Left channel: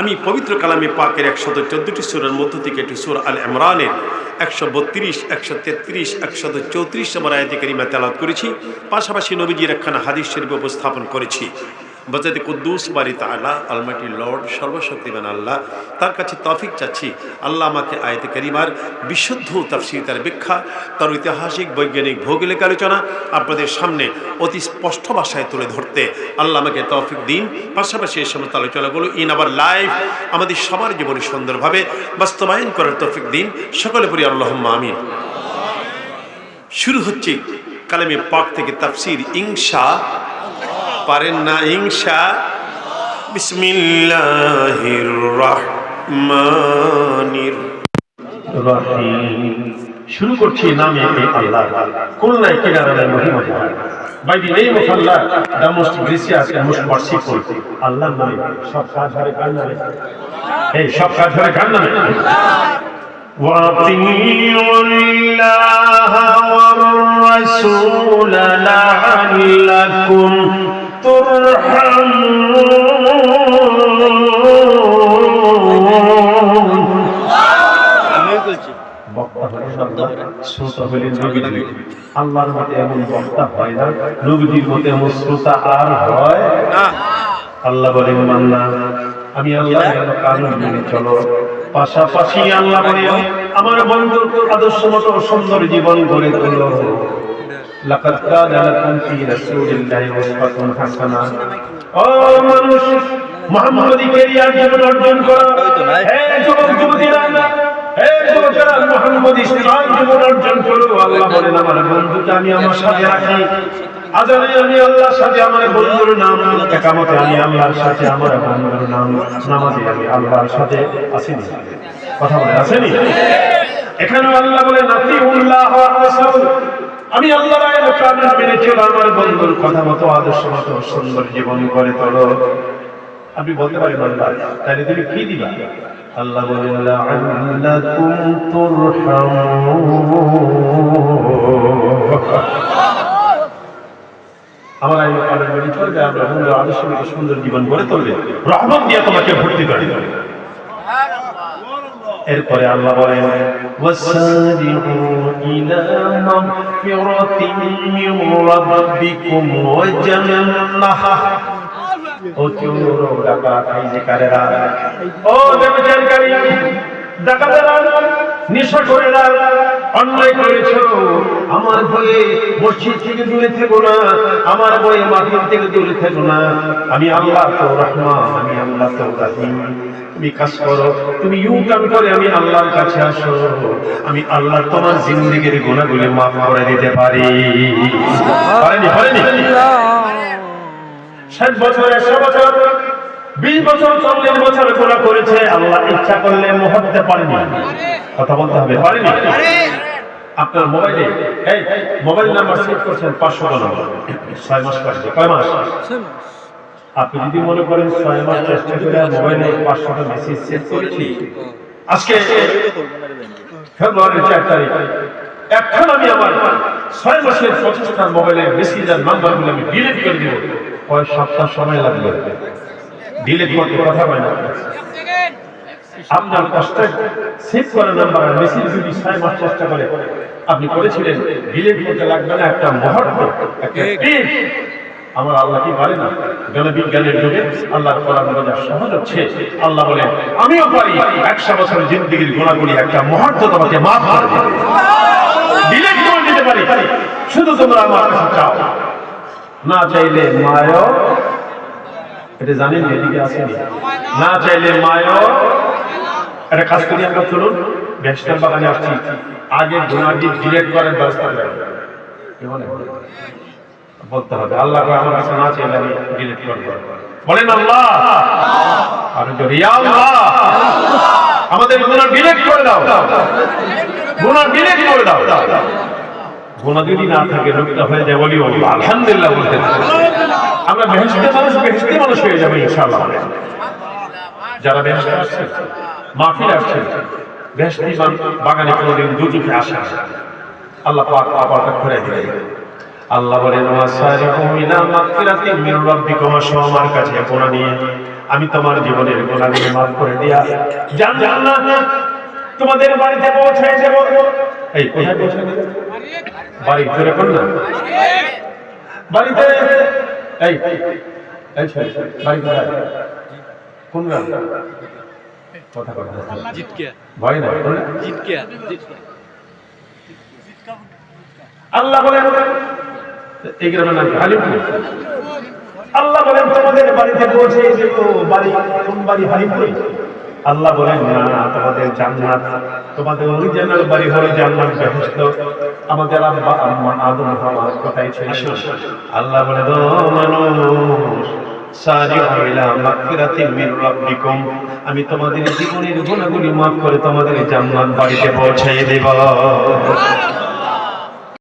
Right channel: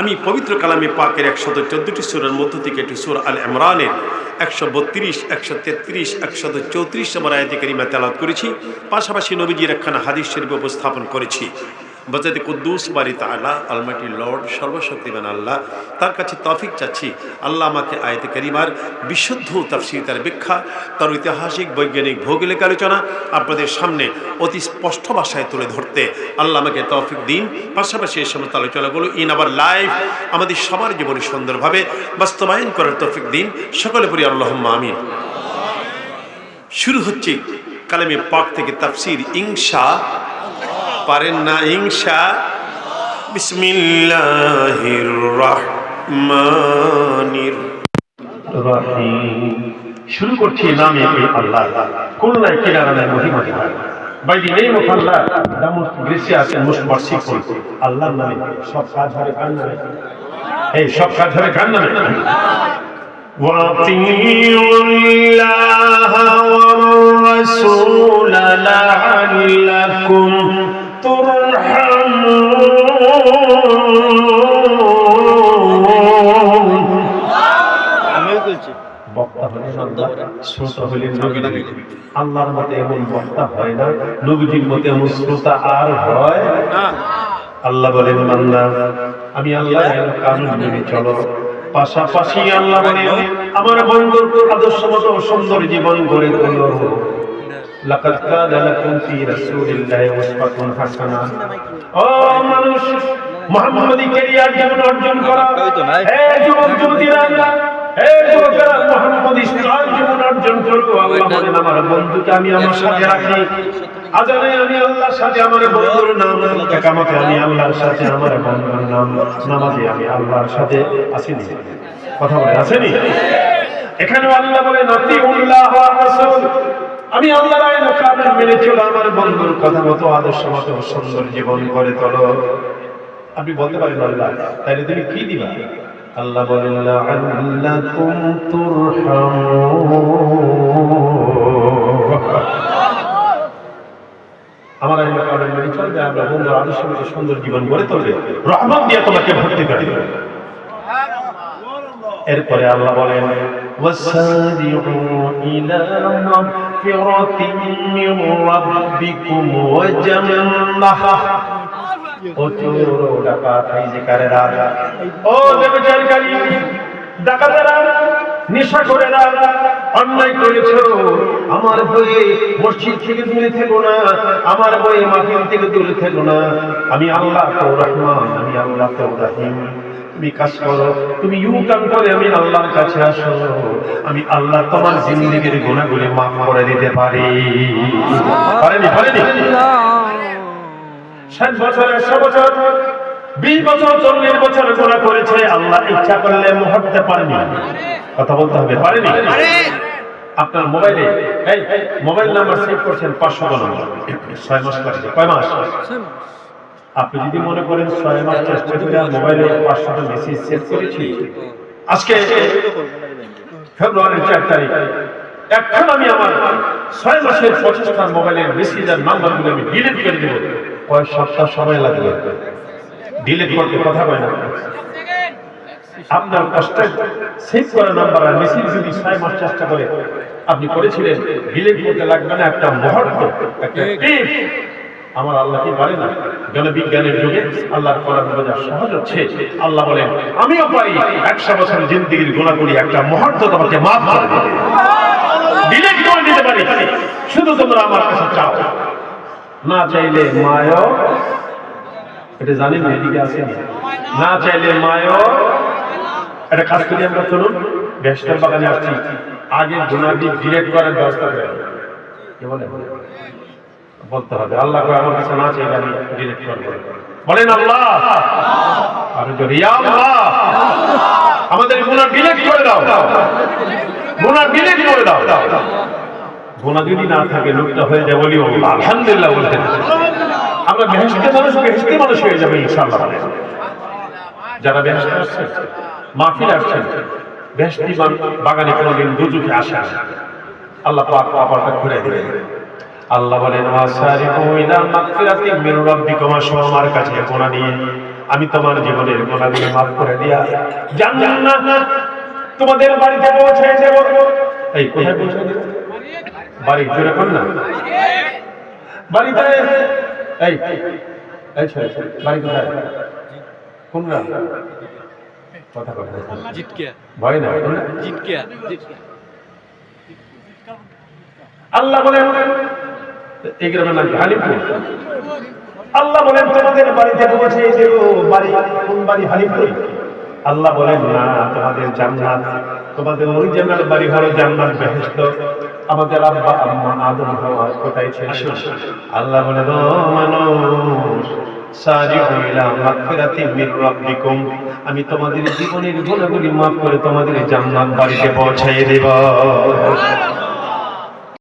আমি পবিত্র কালামে পাকের 114টি সূরার মধ্য থেকে একটি সূরা আল ইমরানের 132, 133, 134 নম্বর আয়াতে কারিমা তেলাওয়াত করেছি। পাশাপাশি নবীজির একখানা হাদিস শরীফ উপস্থাপন করেছি। বজাতে কুদ্দুস বারি তাআলা অলমাইটি লর্ড সর্বশক্তিমান আল্লাহ, তার কাছে তৌফিক চাচ্ছি আল্লাহ আমাকে আয়াতে কারিমার বিশুদ্ধ তাফসীর, তার ব্যাখ্যা, তার ঐতিহাসিক বৈজ্ঞানিক ভৌগোলিক আলোচনা আপনাদের সামনে অতি স্পষ্ট ভাষায় তুলে ধরতে আল্লাহ আমাকে তৌফিক দিন। পাশাপাশি এই সমস্ত আলোচনাগুলো ইন আওয়ার লাইফ আমাদের সবার জীবনে সুন্দরভাবে বাস্তবায়ন করার তৌফিক দিন। সকলে পড়ি আল্লাহুম্মা আমিন। শুরু হচ্ছে কালামে পাক থেকে তাফসীর। ইনশা পারেন না ইনশা। বিসমিল্লাহির রহমানির রহিম। শুরু করছি নামে আল্লাহ। কুল্লাহ কিরানের মহিমা। By the name of Allah, the most gracious and most merciful. আল্লাহর নামে সব কাজ হবে কার নামে? এই সব কাজ হবে কার নামে? وَأَطِيعُوا اللَّهَ وَالرَّسُولَ لَعَلَّكُمْ আল্লাহর মতে এমন বক্তা হয় না, নবীজির মতে এমন শ্রোতা আর হয় না। আল্লাহ বলেন বান্দা আমি আল্লাহর কানুন মেনে চলো। পাশাপাশি আল্লাহ বলেন আমার বন্ধুর আদর্শ মতো সুন্দর জীবন গড়ে তোলো। লাকাদ কানা লাকুম ফি রাসূলিল্লাহি উসওয়াতুন হাসানাহ। ও মানুষ, মুহাম্মদী ক্যারিয়ার জীবন অর্জন করো। হে যুবক যুবতীরা, হে যুবকেরা, মুহাম্মদী ইসলাম জীবন অর্জন করো। আল্লাহ বলেন আমার বন্ধুকে আমি আমার সাথে রাখি। আজানে আমি আল্লাহর সাথে আমার বন্ধুর নাম, ইকামতে আমি আল্লাহর সাথে আমার বন্ধুর নাম, নামাজে আমি আল্লাহর সাথে আসিনি। কথা বলে আসেনি? এখানে আল্লাহ বলেন আতিউল্লাহ ওয়া রাসূল, আমি আল্লাহর আইন কানুন মেনে চলো, আমার বন্ধুর কথা মতো আদর্শ মতো সুন্দর জীবন গড়ে তোলো। আপনি বলতে পারেন আল্লাহ তাহলে তুমি কি দিবা? আল্লাহ বলেন লাআল্লাকুম তুরহামুন। আমার আইন কানুন মেনে চলবে, আমরা বন্ধু আদর্শ মতো সুন্দর জীবন গড়ে তুলবে, রহমত দিয়ে তোমাকে ভর্তি করে দেবে। এরপরে আল্লাহ বলেন ওয়াসারিউ ইলা মাগফিরাতিন মির রাব্বিকুম ওয়া জান্নাহ। ও চোর ডাকাত, এই যে কারেরা, ও ব্যভিচারকারী, ডাকাতেরা, নেশাখোরেরা, অন্যায় করেছো, আমার ভয়ে মসজিদ থেকে দূরে থেকো না, আমার ভয়ে মাহফিল থেকে দূরে থেকো না। আমি আল্লাহ তো রহমান, আমি আল্লাহ তো রহিম। তুমি কাজ করো, তুমি ইউটার্ন করে আমি আল্লাহর কাছে আসো, আমি আল্লাহ তোমার জিন্দেগির গুনাহগুলো মাফ করে দিতে পারি। পারেনি? পারেনি? 60 বছর, 100 বছর, 20 বছর, 40 বছর গুনাহ করেছে, আল্লাহ ইচ্ছা করলে মাফ করতে পারেনি। কথা বলতে হবে, পারেনি? আপনার মোবাইলে এই মোবাইল নাম্বার সেভ করছেন 500 নম্বর, 6 মাস পরে। কয় মাস? 6 মাস। আপনি যদি মনে করেন 6 মাস চেষ্টা করে মোবাইলে 500টা মেসেজ সেভ করেছি, আজকে ফেব্রুয়ারির 4 তারিখ, এখন আমি আমার 6 মাসের 25টা মোবাইলের মেসেজের নাম্বারগুলো আমি ডিলিট করে দিব, কয় সপ্তাহ সময় লাগবে ডিলিট করতে। কথা কয় না? আপনার কষ্টে সেভ করা নাম্বার আর মেসেজ যদি 6 মাস চেষ্টা করে আপনি করেছিলেন, ডিলিট করতে লাগবে না একটা মুহূর্ত, একটা টিপ। আমার আল্লাহ কি পারে না? জনবিজ্ঞানের যুগে আল্লাহর কোরআন বোঝা সহজ হচ্ছে। আল্লাহ বলেন আমিও পারি 100 বছর জিন্দেগির গুনাহগুলি একটা মুহূর্ত তোমাকে মাফ করে দেব, ডিলিট করে দিতে পারি। শুধু তোমরা আমার কাছে চাও, না চাইলে মায়ও, এটা জানেন না? এদিকে আসেনি? না চাইলে মায়ও। একটা কাজ করি আমরা, চলুন বেহেশতের বাগানে আসছি, আগে গুনাহটি ডিলিট করার ব্যবস্থা করি। বলতে হবে আল্লাহ আমার কাছে না চাইলে আমি ডিলিট করব। বলেন আল্লাহ, আর যদি আল্লাহ আমাদের গুনাহ ডিলিট করে দাও, গুনাহ ডিলিট করে দাও। গুনাহ যদি না থাকে লোকটা হয়ে যায় বলি আলহামদুলিল্লাহ বলতে, আমরা বেহেশতের মানুষ, বেহেশতের মানুষ হয়ে যাবে ইনশাআল্লাহ। যারা বেহেশতে আসছেন, মাহফিল আসছেন, বেহেশতি বাগানে কোনোদিন দুজুকে আসে না, আল্লাহ পাক কপালটা খুলে দেবে। আল্লাহ বলেন ওয়াসারিউ ইলা মাগফিরাতিন মির রাব্বিকুম, আসো আমার কাছে গুনাহ নিয়ে, আমি তোমার জীবনের গুনাহগুলো মাফ করে দিয়া জান্নাত তোমাদের বাড়িতে পৌঁছে দেব। এই কোথায় পৌঁছে দেব? বাড়ি জোরে কোন না বাড়িতে। এই এই বাড়ি কোথায়? কোন গ্রাম? কথা কথা জিতকিয়া ভয় না জিতকিয়া। আল্লাহ বলেন এই গ্রামের নাম হালিমপুর। আল্লাহ বলেন তোমাদের বাড়িতে পৌঁছে দেব। বাড়ি কোন বাড়ি? হালিমপুর। আল্লাহ বলেন না, তোমাদের জান্নাত, তোমাদের অরিজিনাল বাড়ি হলো জান্নাত বেহেশত। আমাদের আব্বা আম্মা আদম হাওয়া কোথায় ছিল? আল্লাহ বলেন মানুষ সারিউ ইলা মাগফিরাতিন মির রাব্বিকুম, আমি তোমাদের জীবনের গুনাহগুলি মাফ করে তোমাদের জান্নাত বাড়িতে পৌঁছে দেব।